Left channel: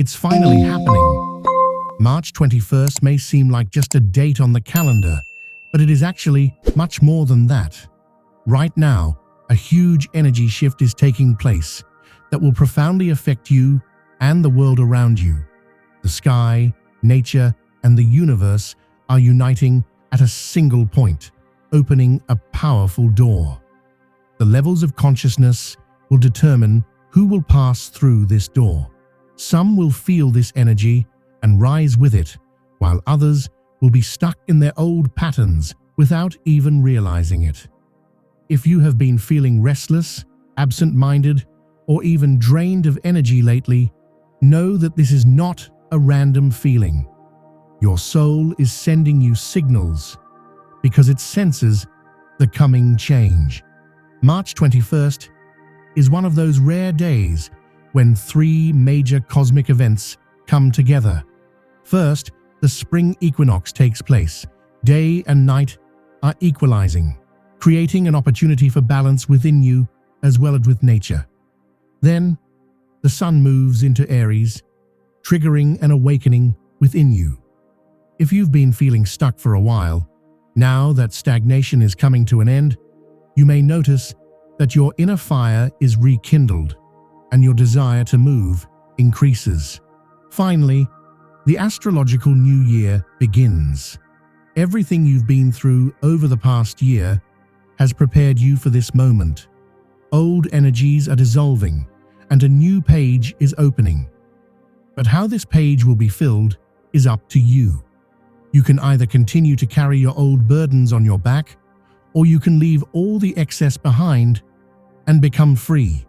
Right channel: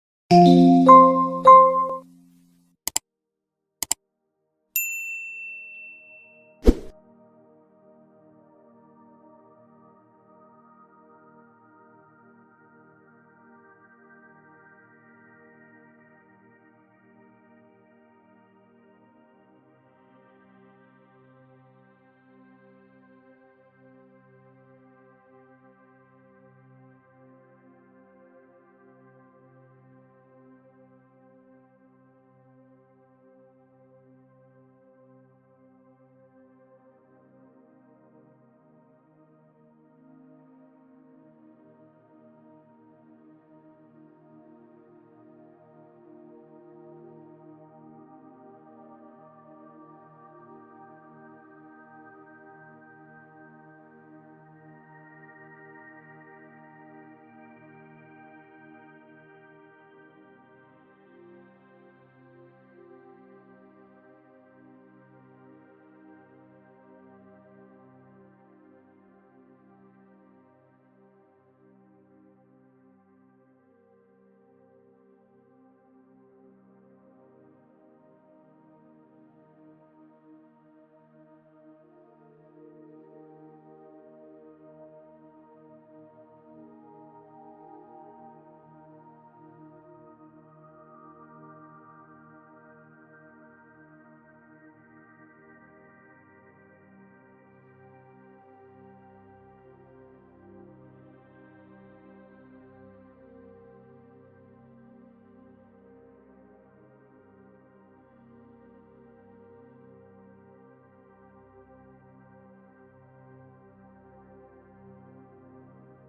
It's finally happening. March 21st may seem like just a date on the calendar, but it is actually much more than that. Right now, a huge energy shift is taking place that will profoundly affect you and the world around you. The sky, nature, and the universe are uniting at a single point, opening a powerful door. The levels of consciousness will determine who will pass through this door. Some will feel this energy and rise with it, while others will be stuck in their old patterns without even realizing it. If you have been feeling restless, absent-minded, or even drained of energy lately, know that this is not a random feeling. Your soul is sending you signals because it senses the coming change. March 21st is one of those rare days when three major cosmic events come together. First, the spring equinox takes place. Day and night are equalizing, creating an opportunity for balance within you as well as with nature. Then, the sun moves into Aries, triggering an awakening within you. If you've been feeling stuck for a while, now that stagnation is coming to an end, you may notice that your inner fire is rekindled and your desire to move increases. Finally, the astrological new year begins. Everything you've been through over the past year has prepared you for this moment. Old energies are dissolving and a new page is opening. But how this page will be filled is up to you. You can either continue to carry your old burdens on your back, or you can leave all the excess behind and become free.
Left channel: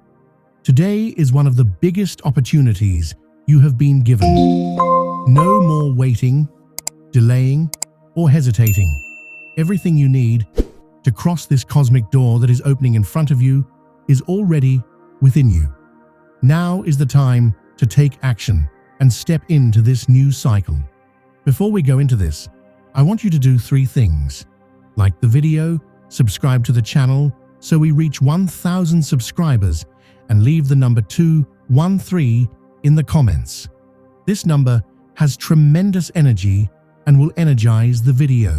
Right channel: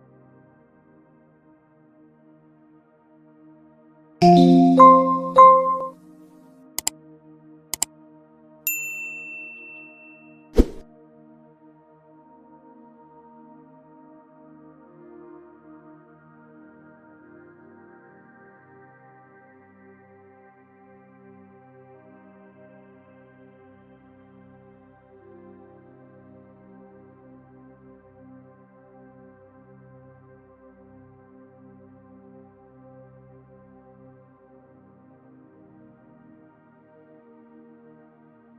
Today is one of the biggest opportunities you have been given. No more waiting, delaying, or hesitating. Everything you need to cross this cosmic door that is opening in front of you is already within you. Now is the time to take action and step into this new cycle. Before we go into this, I want you to do three things. Like the video, subscribe to the channel so we reach 1,000 subscribers, and leave the number 213 in the comments. This number has tremendous energy and will energize the video.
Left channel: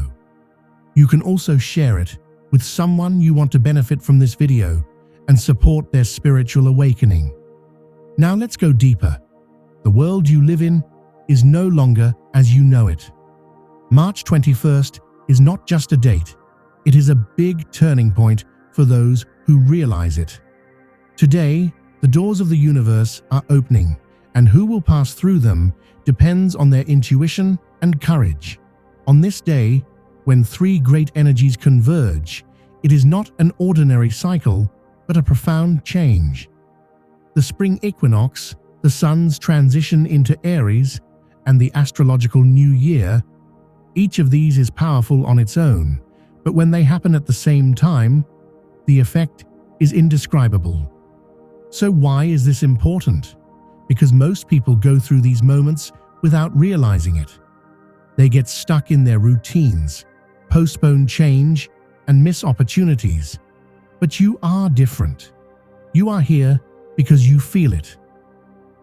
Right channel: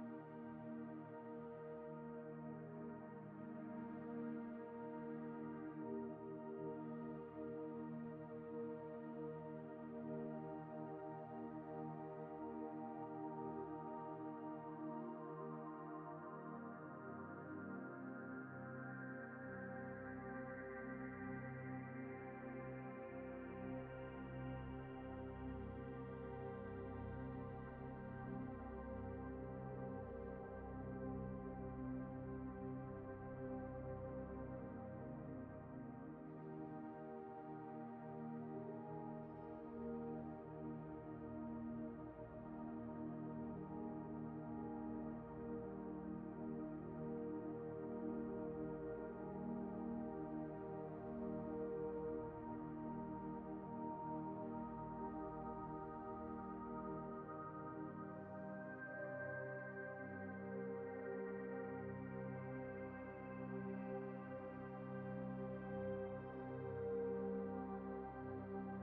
You can also share it with someone you want to benefit from this video and support their spiritual awakening. Now let's go deeper. The world you live in is no longer as you know it. March 21st is not just a date, it is a big turning point for those who realize it. Today, the doors of the universe are opening, and who will pass through them depends on their intuition and courage. On this day, when three great energies converge, it is not an ordinary cycle, but a profound change. The spring equinox, the sun's transition into Aries, and the astrological new year, each of these is powerful on its own, but when they happen at the same time, the effect is indescribable. So why is this important? Because most people go through these moments without realizing it. They get stuck in their routines, postpone change, and miss opportunities. But you are different. You are here because you feel it.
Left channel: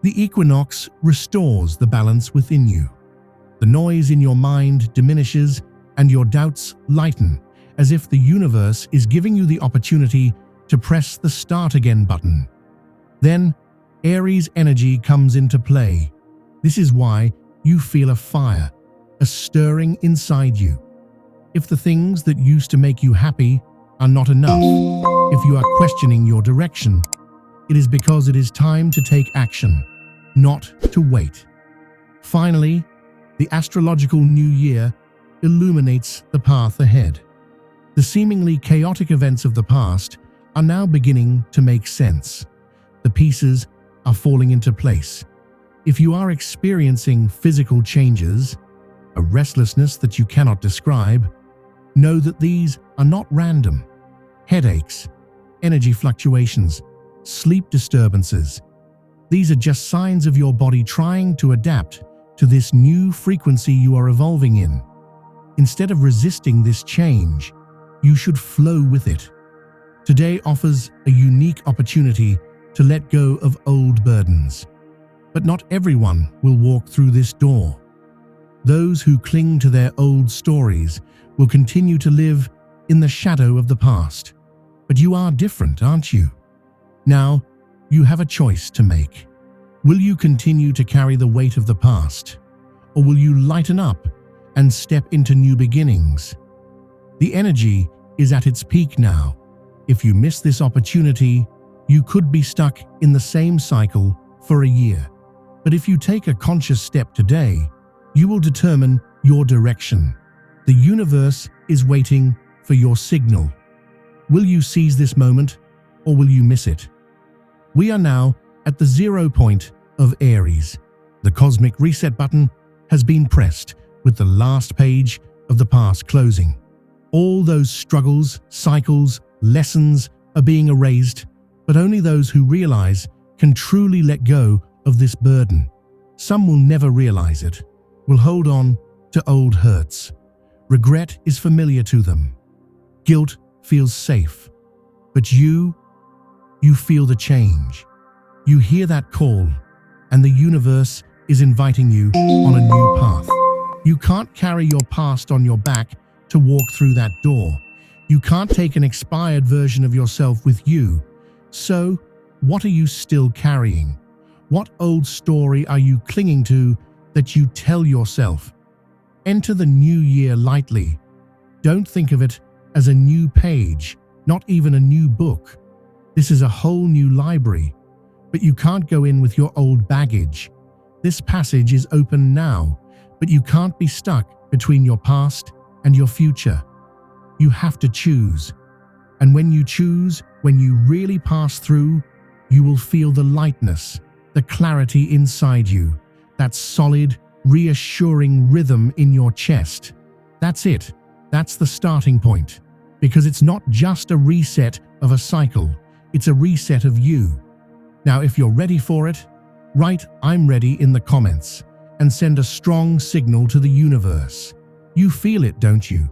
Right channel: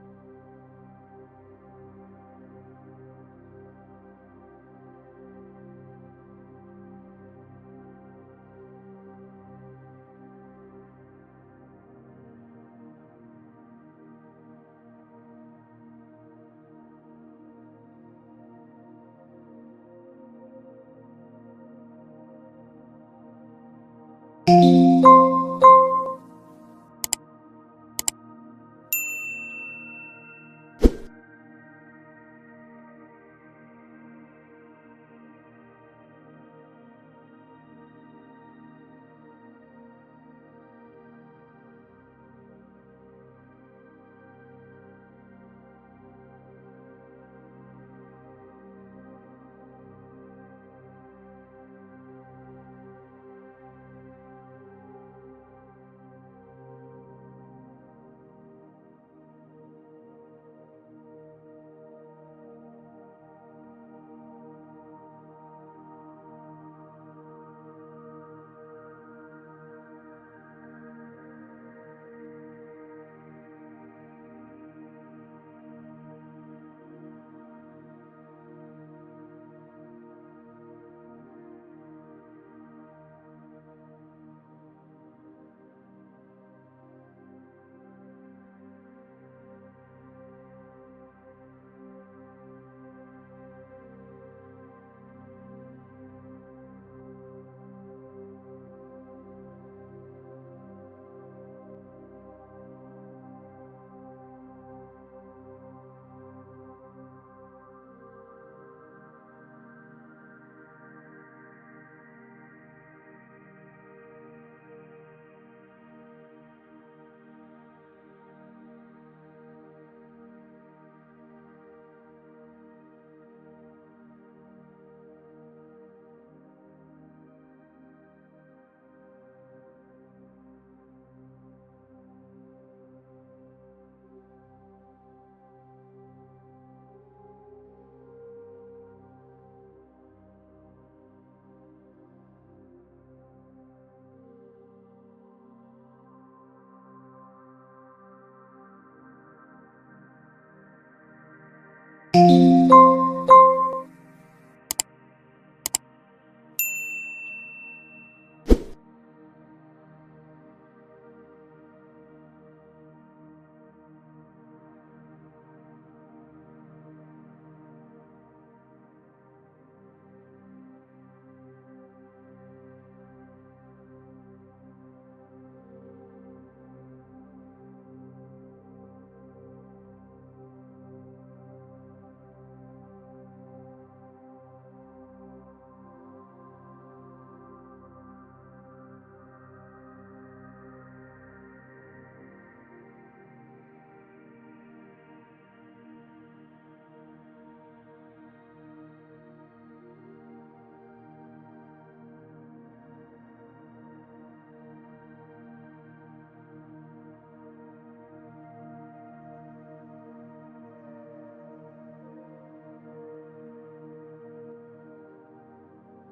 The equinox restores the balance within you. The noise in your mind diminishes and your doubts lighten, as if the universe is giving you the opportunity to press the start again button. Then, Aries energy comes into play. This is why you feel a fire, a stirring inside you. If the things that used to make you happy are not enough, if you are questioning your direction, it is because it is time to take action, not to wait. Finally, the astrological new year illuminates the path ahead. The seemingly chaotic events of the past are now beginning to make sense. The pieces are falling into place. If you are experiencing physical changes, a restlessness that you cannot describe, know that these are not random. Headaches, energy fluctuations, sleep disturbances. These are just signs of your body trying to adapt to this new frequency you are evolving in. Instead of resisting this change, you should flow with it. Today offers a unique opportunity to let go of old burdens. But not everyone will walk through this door. Those who cling to their old stories will continue to live in the shadow of the past. But you are different, aren't you? Now, you have a choice to make. Will you continue to carry the weight of the past, or will you lighten up and step into new beginnings? The energy is at its peak now. If you miss this opportunity, you could be stuck in the same cycle for a year. But if you take a conscious step today, you will determine your direction. The universe is waiting for your signal. Will you seize this moment, or will you miss it? We are now at the 0 point of Aries. The cosmic reset button has been pressed with the last page of the past closing. All those struggles, cycles, lessons are being erased, but only those who realize can truly let go of this burden. Some will never realize it, will hold on to old hurts. Regret is familiar to them. Guilt feels safe. But you feel the change. You hear that call, and the universe is inviting you on a new path. You can't carry your past on your back to walk through that door. You can't take an expired version of yourself with you. So, what are you still carrying? What old story are you clinging to that you tell yourself? Enter the new year lightly. Don't think of it as a new page, not even a new book. This is a whole new library, but you can't go in with your old baggage. This passage is open now, but you can't be stuck between your past and your future. You have to choose. And when you choose, when you really pass through, you will feel the lightness, the clarity inside you, that solid, reassuring rhythm in your chest. That's it. That's the starting point. Because it's not just a reset of a cycle, it's a reset of you. Now, if you're ready for it, write "I'm ready" in the comments and send a strong signal to the universe. You feel it, don't you?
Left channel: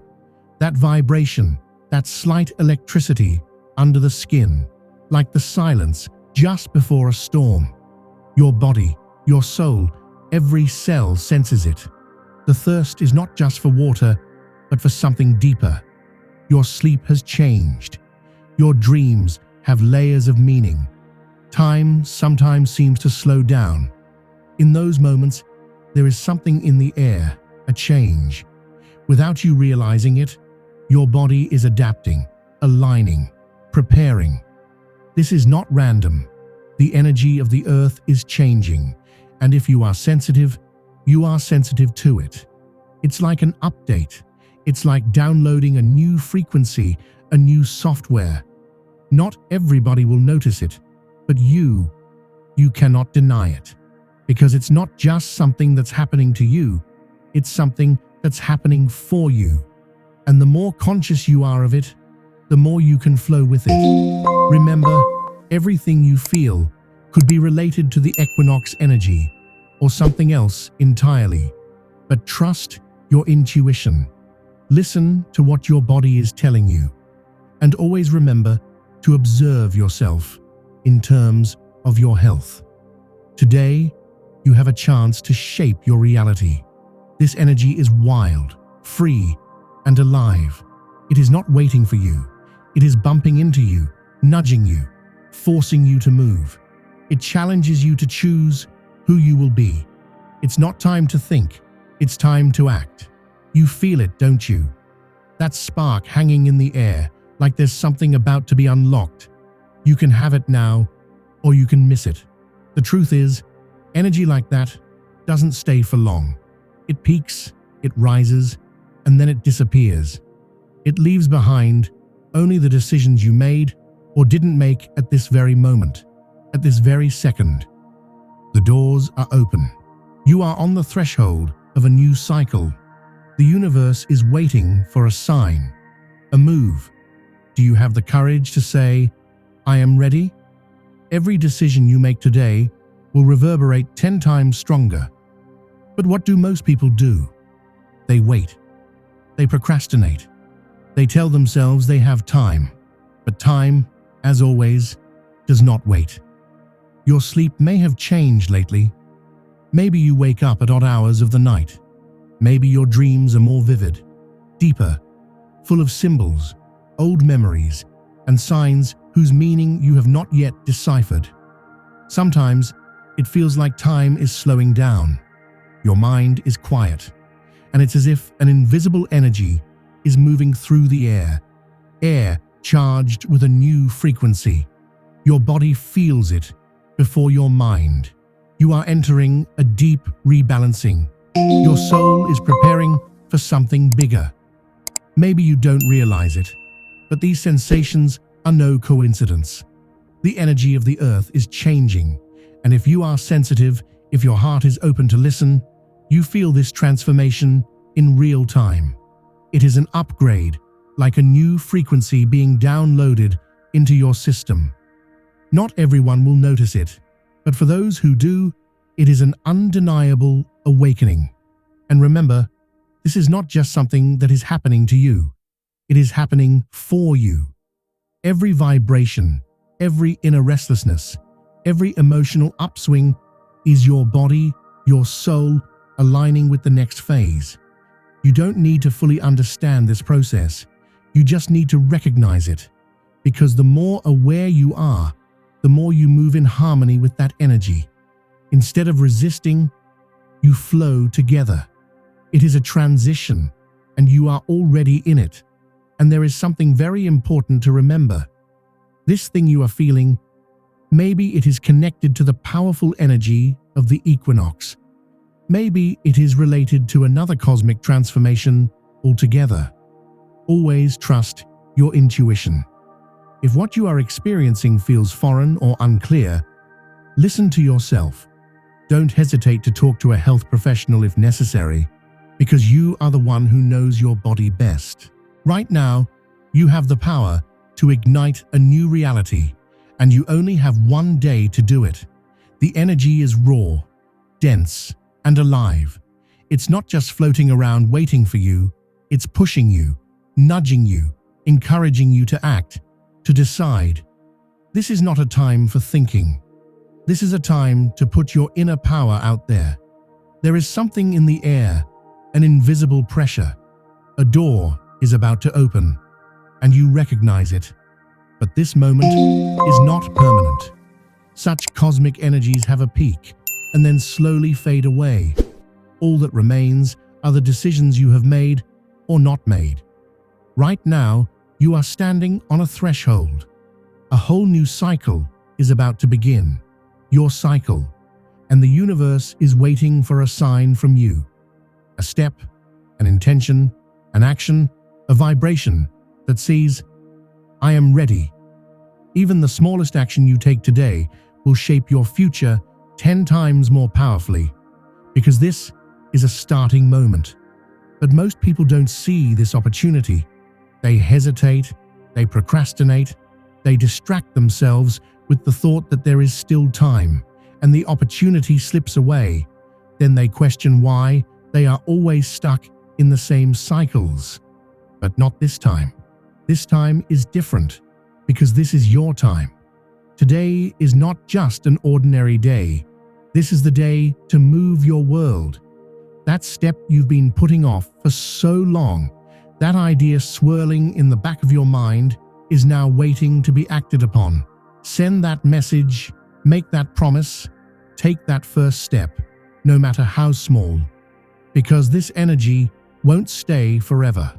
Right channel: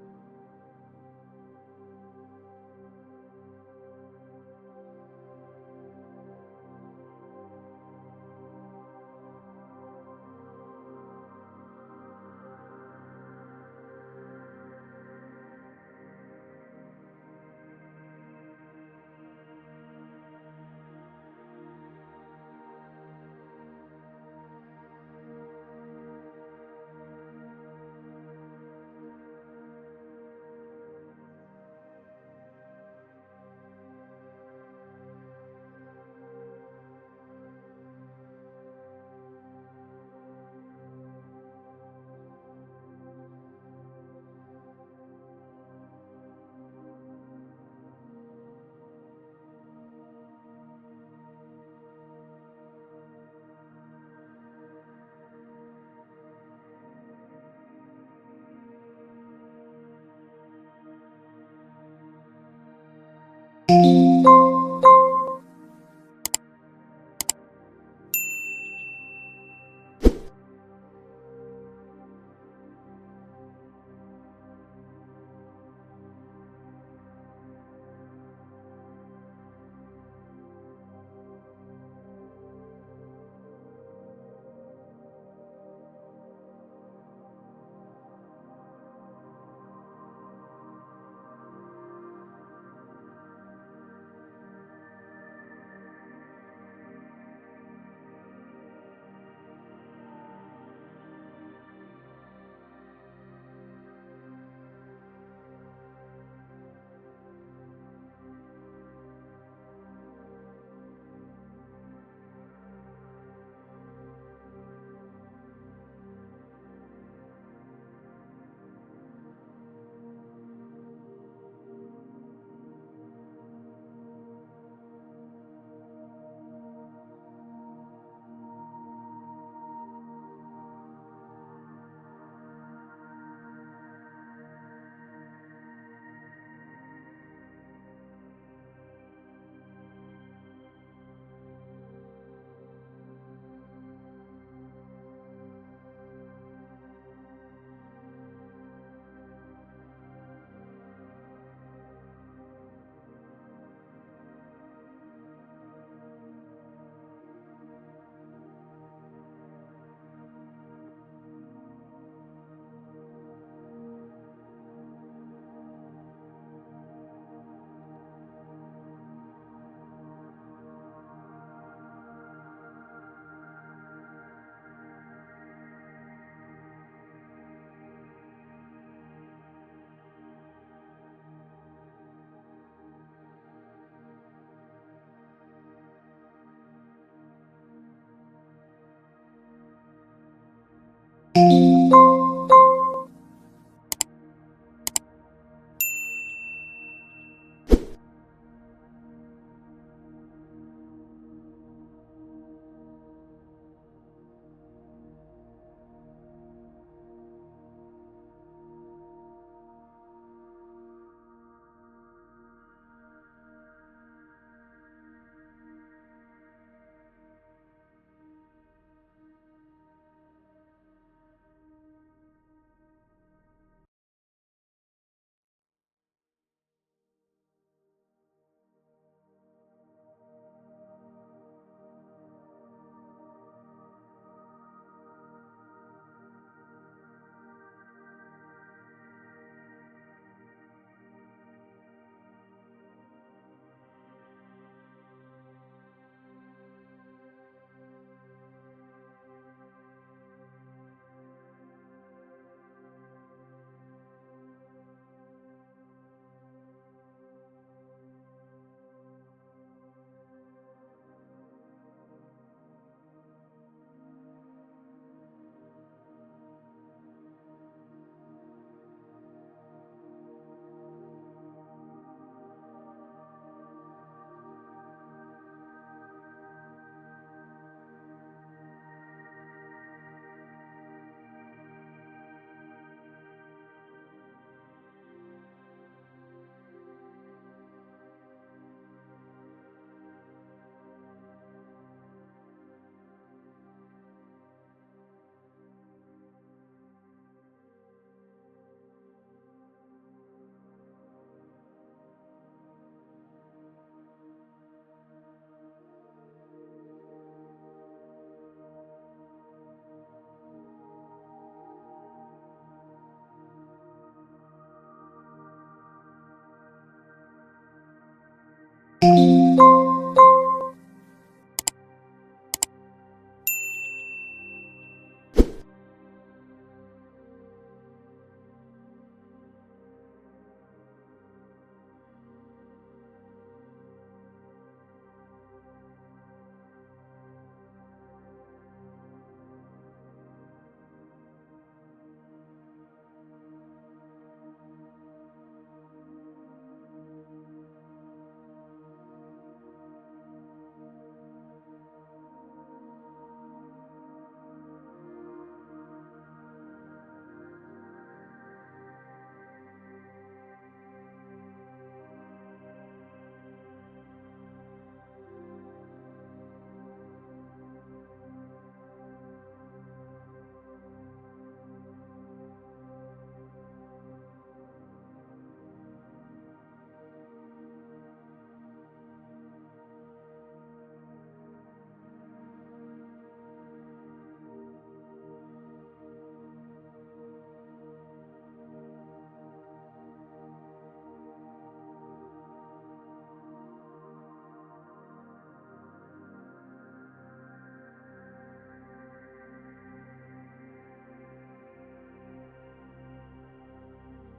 That vibration, that slight electricity under the skin, like the silence just before a storm. Your body, your soul, every cell senses it. The thirst is not just for water, but for something deeper. Your sleep has changed. Your dreams have layers of meaning. Time sometimes seems to slow down. In those moments, there is something in the air, a change. Without you realizing it, your body is adapting, aligning, preparing. This is not random. The energy of the earth is changing, and if you are sensitive, you are sensitive to it. It's like an update. It's like downloading a new frequency, a new software. Not everybody will notice it, but you cannot deny it. Because it's not just something that's happening to you, it's something that's happening for you. And the more conscious you are of it, the more you can flow with it. Remember, everything you feel could be related to the equinox energy or something else entirely. But trust your intuition. Listen to what your body is telling you. And always remember to observe yourself in terms of your health. Today, you have a chance to shape your reality. This energy is wild, free, and alive. It is not waiting for you. It is bumping into you, nudging you, forcing you to move. It challenges you to choose who you will be. It's not time to think. It's time to act. You feel it, don't you? That spark hanging in the air, like there's something about to be unlocked. You can have it now, or you can miss it. The truth is, energy like that doesn't stay for long. It peaks, it rises, and then it disappears. It leaves behind only the decisions you made or didn't make at this very moment, at this very second. The doors are open. You are on the threshold of a new cycle. The universe is waiting for a sign, a move. Do you have the courage to say, "I am ready"? Every decision you make today will reverberate 10 times stronger. But what do most people do? They wait. They procrastinate. They tell themselves they have time. But time, as always, does not wait. Your sleep may have changed lately. Maybe you wake up at odd hours of the night. Maybe your dreams are more vivid, deeper, full of symbols, old memories, and signs whose meaning you have not yet deciphered. Sometimes it feels like time is slowing down. Your mind is quiet, and it's as if an invisible energy is moving through the air charged with a new frequency. Your body feels it before your mind. You are entering a deep rebalancing. Your soul is preparing for something bigger. Maybe you don't realize it, but these sensations are no coincidence. The energy of the earth is changing, and if you are sensitive, if your heart is open to listen, you feel this transformation in real time. It is an upgrade, like a new frequency being downloaded into your system. Not everyone will notice it, but for those who do, it is an undeniable awakening. And remember, this is not just something that is happening to you. It is happening for you. Every vibration, every inner restlessness, every emotional upswing is your body, your soul, aligning with the next phase. You don't need to fully understand this process. You just need to recognize it. Because the more aware you are, the more you move in harmony with that energy. Instead of resisting, you flow together. It is a transition, and you are already in it. And there is something very important to remember. This thing you are feeling, maybe it is connected to the powerful energy of the equinox. Maybe it is related to another cosmic transformation altogether. Always trust your intuition. If what you are experiencing feels foreign or unclear, listen to yourself. Don't hesitate to talk to a health professional if necessary, because you are the one who knows your body best. Right now, you have the power to ignite a new reality, and you only have one day to do it. The energy is raw, dense, and alive. It's not just floating around waiting for you, it's pushing you, nudging you, encouraging you to act, to decide. This is not a time for thinking. This is a time to put your inner power out there. There is something in the air, an invisible pressure. A door is about to open, and you recognize it. But this moment is not permanent. Such cosmic energies have a peak, and then slowly fade away. All that remains are the decisions you have made or not made. Right now, you are standing on a threshold. A whole new cycle is about to begin. Your cycle. And the universe is waiting for a sign from you. A step, an intention, an action, a vibration that says, I am ready. Even the smallest action you take today will shape your future 10 times more powerfully, because this is a starting moment. But most people don't see this opportunity. They hesitate, they procrastinate, they distract themselves with the thought that there is still time, and the opportunity slips away. Then they question why they are always stuck in the same cycles. But not this time. This time is different, because this is your time. Today is not just an ordinary day. This is the day to move your world. That step you've been putting off for so long, that idea swirling in the back of your mind, is now waiting to be acted upon. Send that message, make that promise, take that first step, no matter how small. Because this energy won't stay forever.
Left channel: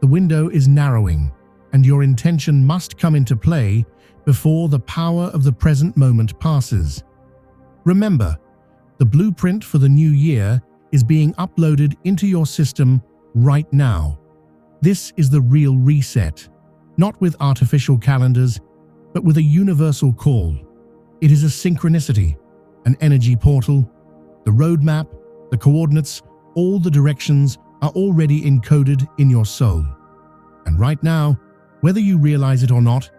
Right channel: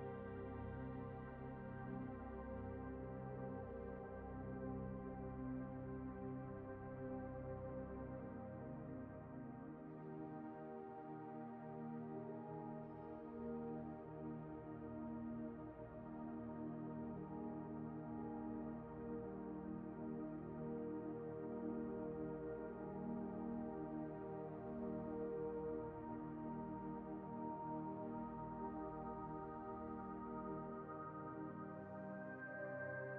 The window is narrowing, and your intention must come into play before the power of the present moment passes. Remember, the blueprint for the new year is being uploaded into your system right now. This is the real reset, not with artificial calendars, but with a universal call. It is a synchronicity, an energy portal. The roadmap, the coordinates, all the directions are already encoded in your soul. And right now, whether you realize it or not,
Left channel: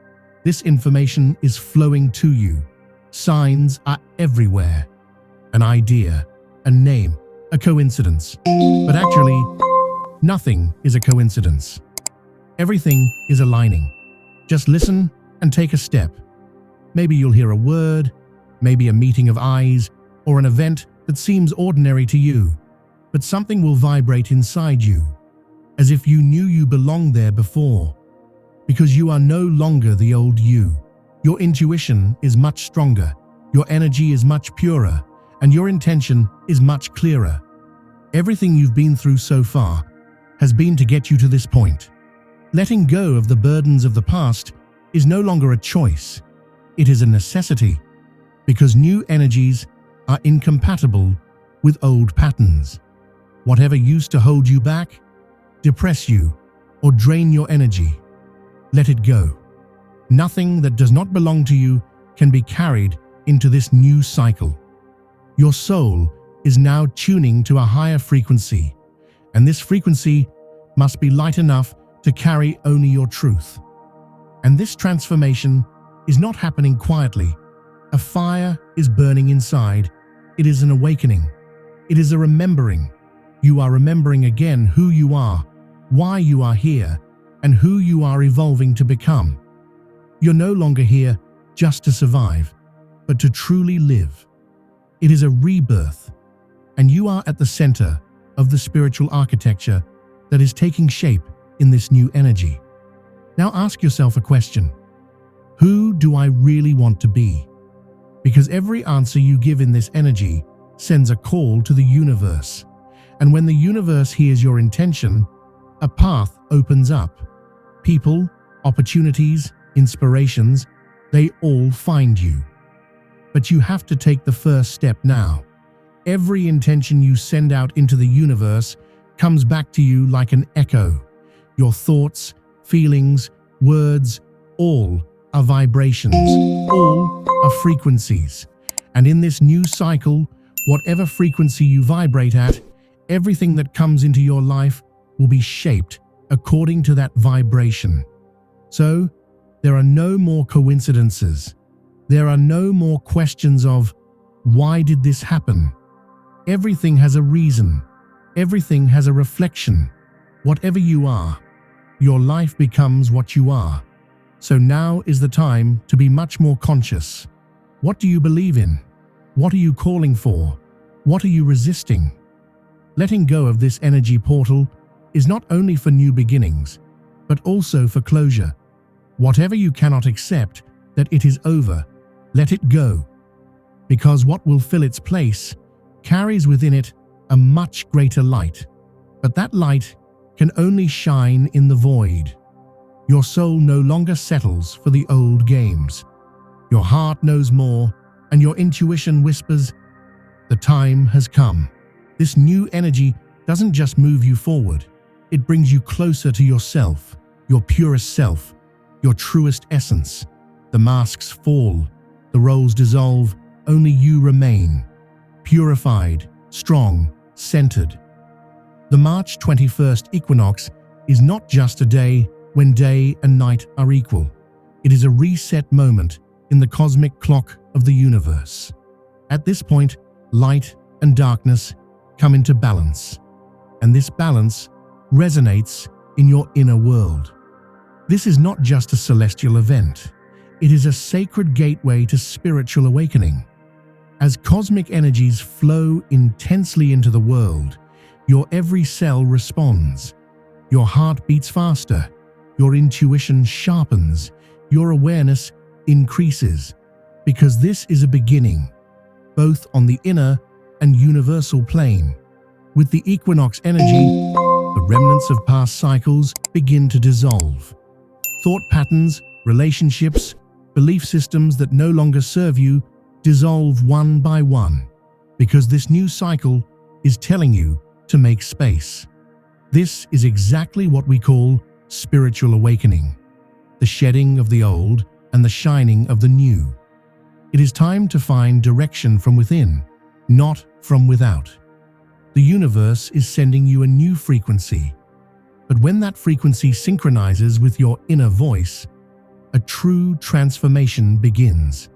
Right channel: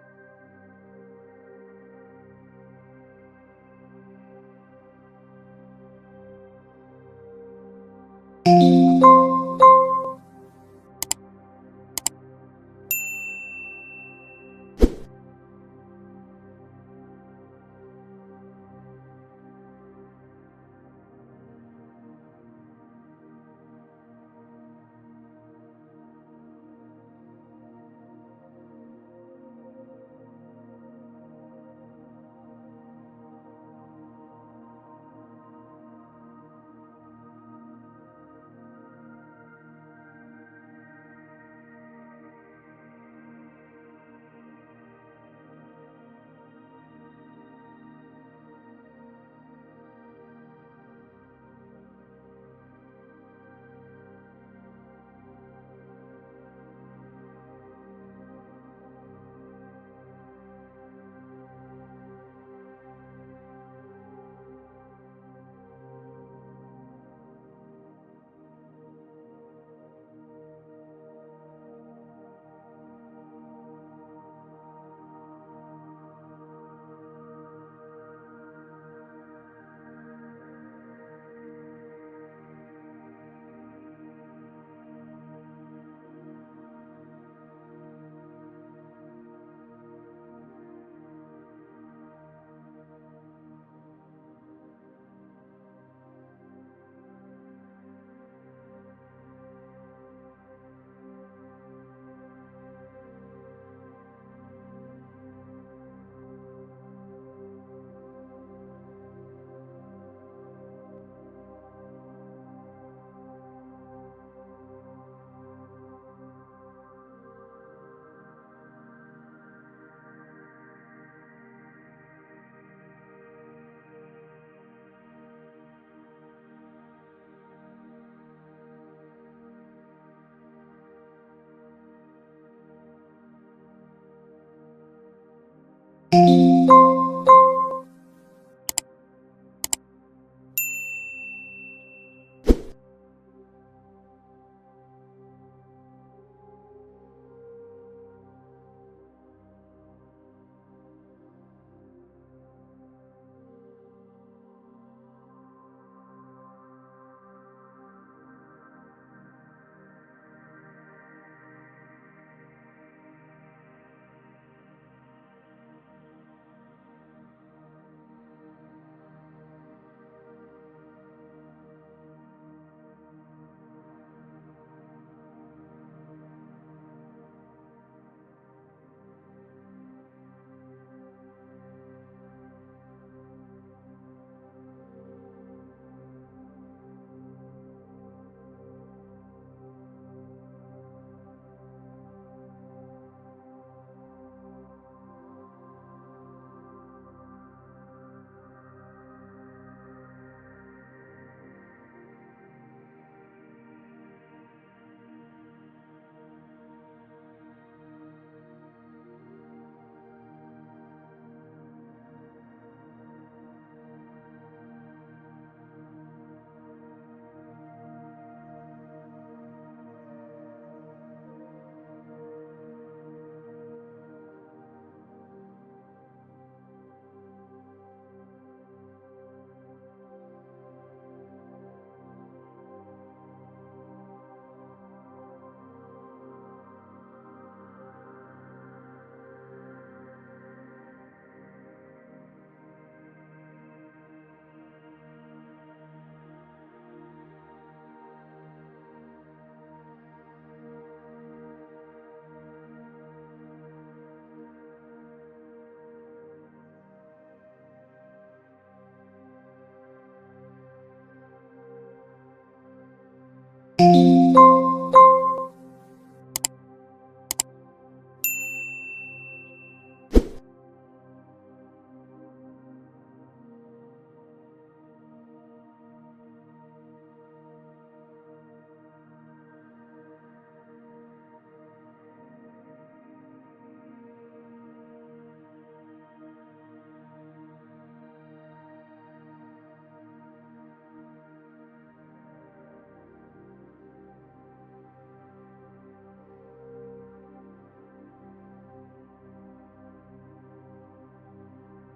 this information is flowing to you. Signs are everywhere. An idea, a name, a coincidence. But actually, nothing is a coincidence. Everything is aligning. Just listen and take a step. Maybe you'll hear a word, maybe a meeting of eyes, or an event that seems ordinary to you, but something will vibrate inside you, as if you knew you belonged there before, because you are no longer the old you. Your intuition is much stronger, your energy is much purer, and your intention is much clearer. Everything you've been through so far has been to get you to this point. Letting go of the burdens of the past is no longer a choice. It is a necessity, because new energies are incompatible with old patterns. Whatever used to hold you back, depress you, or drain your energy, let it go. Nothing that does not belong to you can be carried into this new cycle. Your soul is now tuning to a higher frequency, and this frequency must be light enough to carry only your truth. And this transformation is not happening quietly. A fire is burning inside. It is an awakening. It is a remembering. You are remembering again who you are, why you are here, and who you are evolving to become. You're no longer here just to survive, but to truly live. It is a rebirth, and you are at the center of the spiritual architecture that is taking shape in this new energy. Now ask yourself a question. Who do I really want to be? Because every answer you give in this energy sends a call to the universe. And when the universe hears your intention, a path opens up. People, opportunities, inspirations, they all find you. But you have to take the first step now. Every intention you send out into the universe comes back to you like an echo. Your thoughts, feelings, words, all are vibrations, all are frequencies. And in this new cycle, whatever frequency you vibrate at, everything that comes into your life will be shaped according to that vibration. So, there are no more coincidences. There are no more questions of, why did this happen? Everything has a reason. Everything has a reflection. Whatever you are, your life becomes what you are. So now is the time to be much more conscious. What do you believe in? What are you calling for? What are you resisting? Letting go of this energy portal is not only for new beginnings, but also for closure. Whatever you cannot accept that it is over, let it go. Because what will fill its place carries within it a much greater light. But that light can only shine in the void. Your soul no longer settles for the old games. Your heart knows more, and your intuition whispers, the time has come. This new energy doesn't just move you forward. It brings you closer to yourself, your purest self, your truest essence. The masks fall, the roles dissolve, only you remain. Purified, strong, centered. The March 21st equinox is not just a day when day and night are equal. It is a reset moment in the cosmic clock of the universe. At this point, light and darkness come into balance, and this balance resonates in your inner world. This is not just a celestial event. It is a sacred gateway to spiritual awakening. As cosmic energies flow intensely into the world, your every cell responds. Your heart beats faster, your intuition sharpens, your awareness increases, because this is a beginning, both on the inner and universal plane. With the equinox energy, the remnants of past cycles begin to dissolve. Thought patterns, relationships, belief systems that no longer serve you dissolve one by one, because this new cycle is telling you to make space. This is exactly what we call spiritual awakening, the shedding of the old and the shining of the new. It is time to find direction from within, not from without. The universe is sending you a new frequency, but when that frequency synchronizes with your inner voice, a true transformation begins.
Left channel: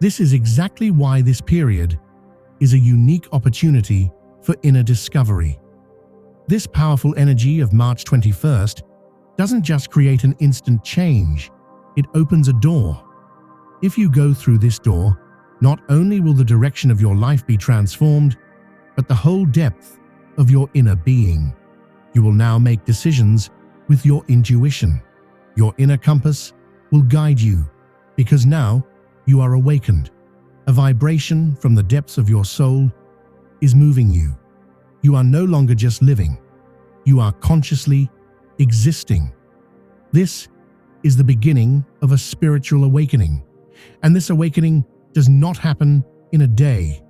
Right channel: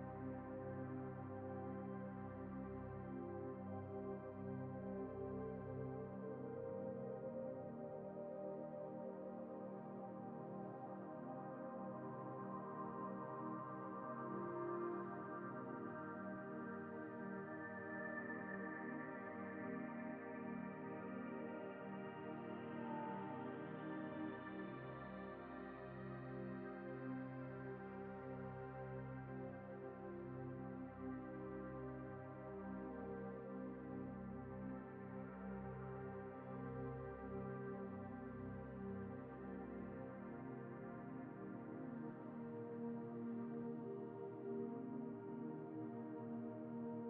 This is exactly why this period is a unique opportunity for inner discovery. This powerful energy of March 21st doesn't just create an instant change, it opens a door. If you go through this door, Not only will the direction of your life be transformed, but the whole depth of your inner being. You will now make decisions with your intuition. Your inner compass will guide you because now you are awakened. A vibration from the depths of your soul is moving you. You are no longer just living. You are consciously existing. This is the beginning of a spiritual awakening. And this awakening does not happen in a day,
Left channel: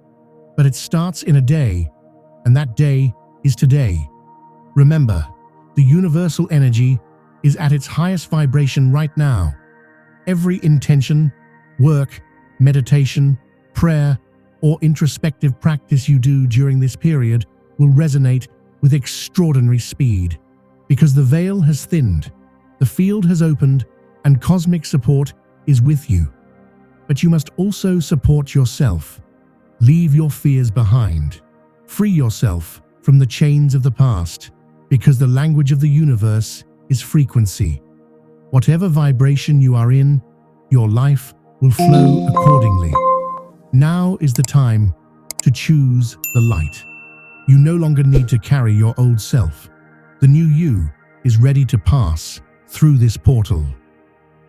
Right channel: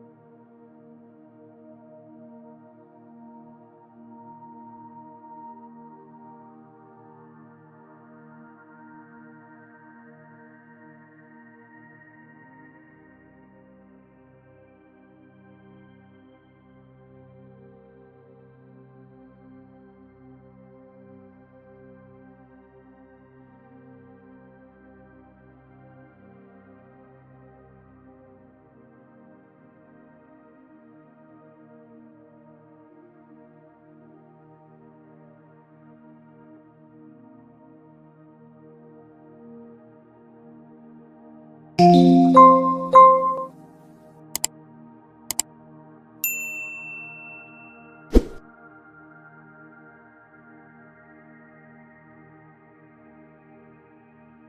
but it starts in a day, and that day is today. Remember, the universal energy is at its highest vibration right now. Every intention, work, meditation, prayer, or introspective practice you do during this period will resonate with extraordinary speed because the veil has thinned, the field has opened, and cosmic support is with you. But you must also support yourself. Leave your fears behind. Free yourself from the chains of the past, because the language of the universe is frequency. Whatever vibration you are in, your life will flow accordingly. Now is the time to choose the light. You no longer need to carry your old self. The new you is ready to pass through this portal.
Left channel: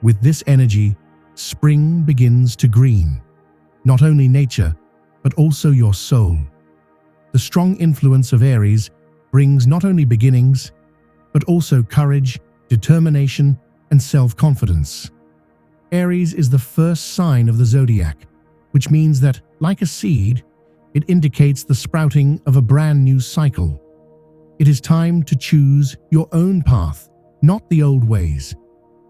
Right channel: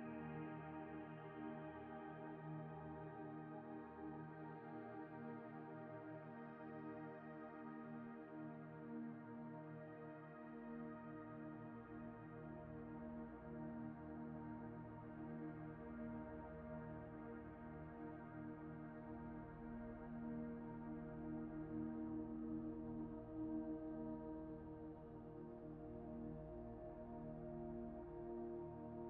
With this energy, spring begins to green. Not only nature, but also your soul. The strong influence of Aries brings not only beginnings, but also courage, determination, and self-confidence. Aries is the first sign of the Zodiac, which means that, like a seed, it indicates the sprouting of a brand new cycle. It is time to choose your own path, not the old ways.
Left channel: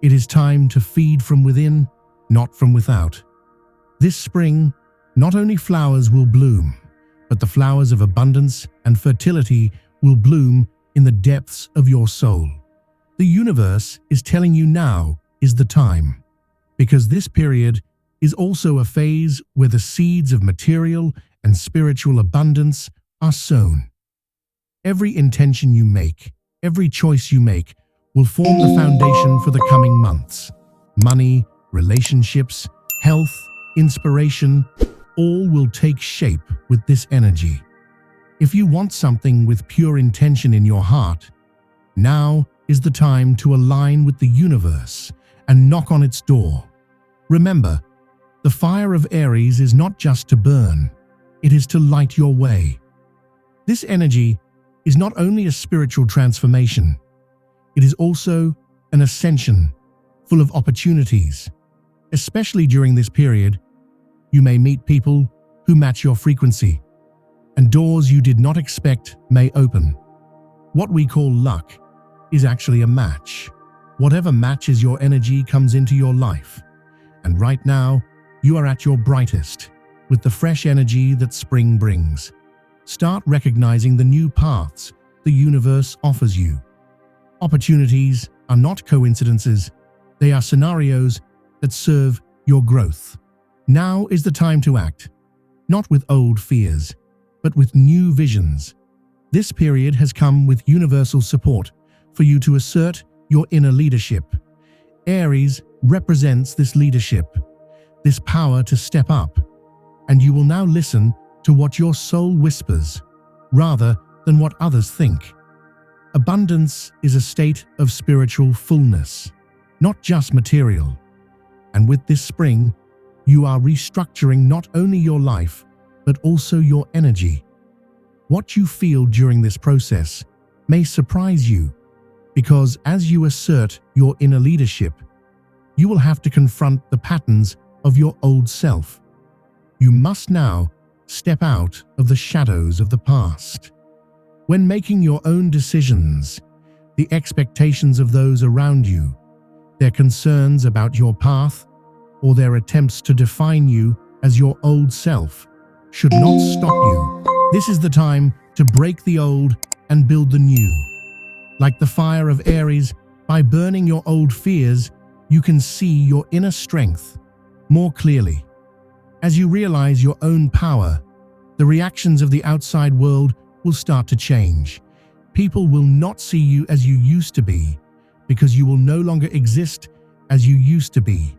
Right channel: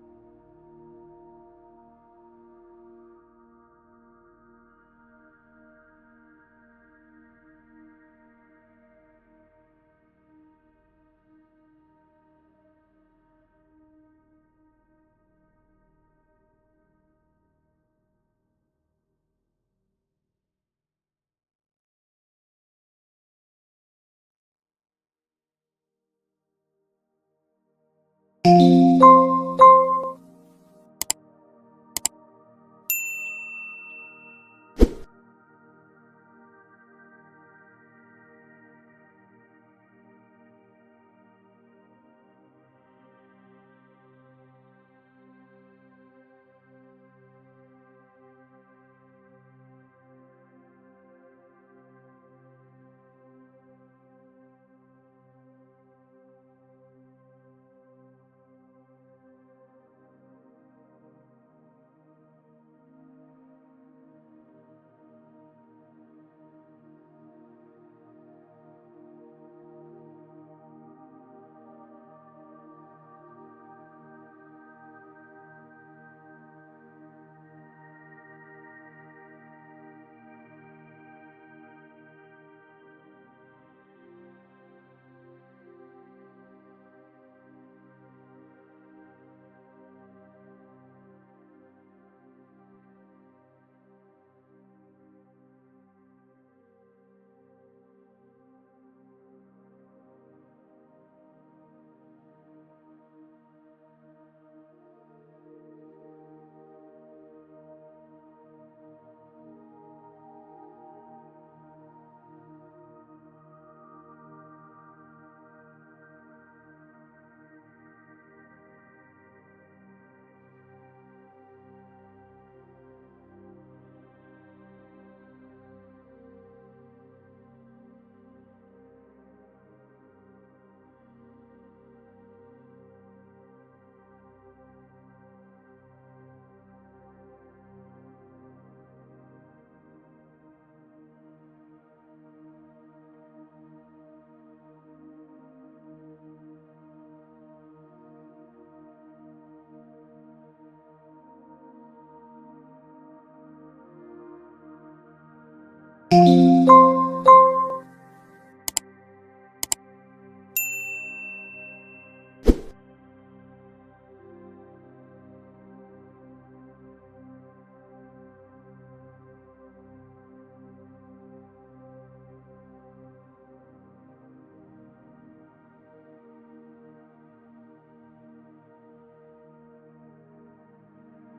It is time to feed from within, not from without. This spring, not only flowers will bloom, but the flowers of abundance and fertility will bloom in the depths of your soul. The universe is telling you now is the time, because this period is also a phase where the seeds of material and spiritual abundance are sown. Every intention you make, every choice you make, will form the foundation for the coming months. Money, relationships, health, inspiration, all will take shape with this energy. If you want something with pure intention in your heart, now is the time to align with the universe and knock on its door. Remember, the fire of Aries is not just to burn, it is to light your way. This energy is not only a spiritual transformation, it is also an ascension full of opportunities. Especially during this period, you may meet people who match your frequency, and doors you did not expect may open. What we call luck is actually a match. Whatever matches your energy comes into your life. And right now, you are at your brightest, with the fresh energy that spring brings. Start recognizing the new paths the universe offers you. Opportunities are not coincidences, they are scenarios that serve your growth. Now is the time to act, not with old fears, but with new visions. This period has come with universal support for you to assert your inner leadership. Aries represents this leadership, this power to step up, and you will now listen to what your soul whispers, rather than what others think. Abundance is a state of spiritual fullness, not just material. And with this spring, you are restructuring not only your life, but also your energy. What you feel during this process may surprise you, because as you assert your inner leadership, you will have to confront the patterns of your old self. You must now step out of the shadows of the past. When making your own decisions, the expectations of those around you, their concerns about your path, or their attempts to define you as your old self should not stop you. This is the time to break the old and build the new. Like the fire of Aries, by burning your old fears, you can see your inner strength more clearly. As you realize your own power, the reactions of the outside world will start to change. People will not see you as you used to be, because you will no longer exist as you used to be.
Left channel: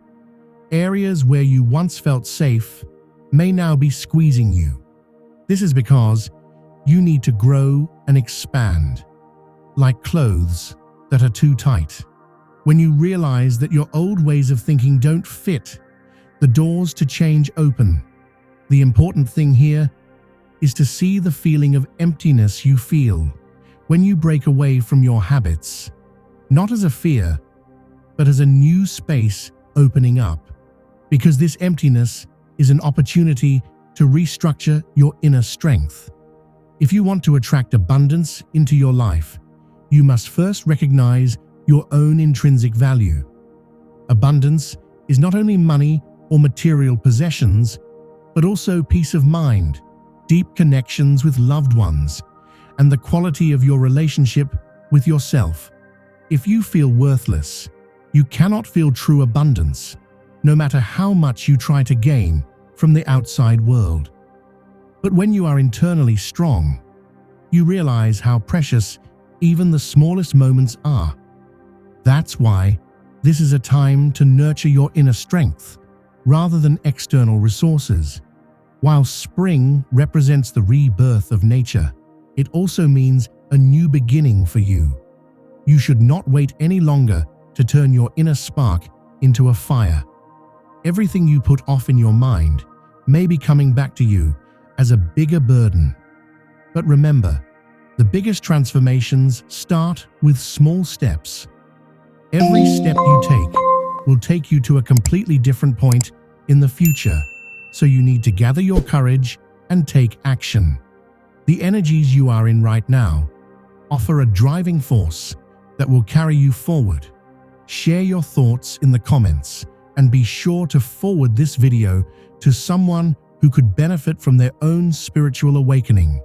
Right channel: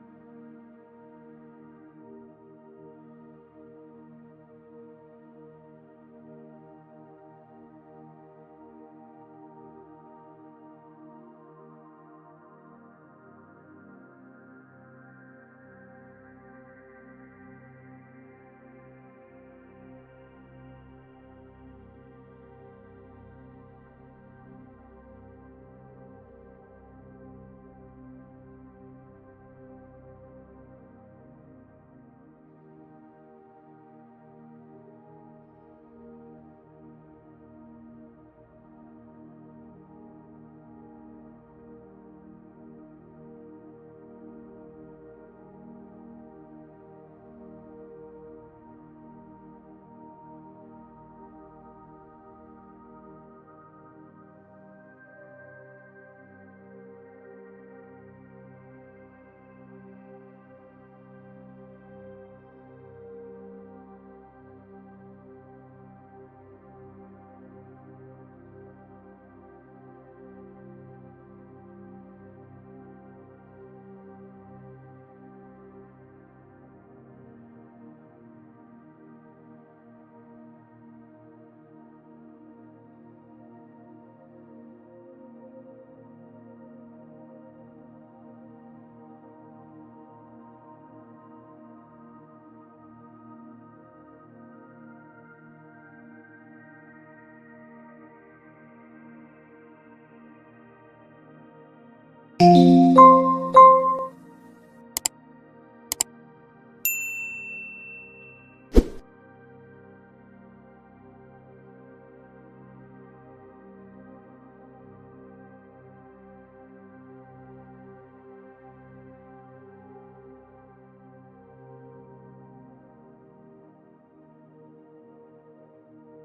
Areas where you once felt safe may now be squeezing you. This is because you need to grow and expand, like clothes that are too tight. When you realize that your old ways of thinking don't fit, the doors to change open. The important thing here is to see the feeling of emptiness you feel when you break away from your habits, not as a fear, but as a new space opening up, because this emptiness is an opportunity to restructure your inner strength. If you want to attract abundance into your life, you must first recognize your own intrinsic value. Abundance is not only money or material possessions, but also peace of mind, deep connections with loved ones, and the quality of your relationship with yourself. If you feel worthless, you cannot feel true abundance, no matter how much you try to gain from the outside world. But when you are internally strong, you realize how precious even the smallest moments are. That's why this is a time to nurture your inner strength rather than external resources. While spring represents the rebirth of nature, it also means a new beginning for you. You should not wait any longer to turn your inner spark into a fire. Everything you put off in your mind may be coming back to you as a bigger burden. But remember, the biggest transformations start with small steps. Every step you take will take you to a completely different point in the future, so you need to gather your courage and take action. The energies you are in right now offer a driving force that will carry you forward. Share your thoughts in the comments and be sure to forward this video to someone who could benefit from their own spiritual awakening.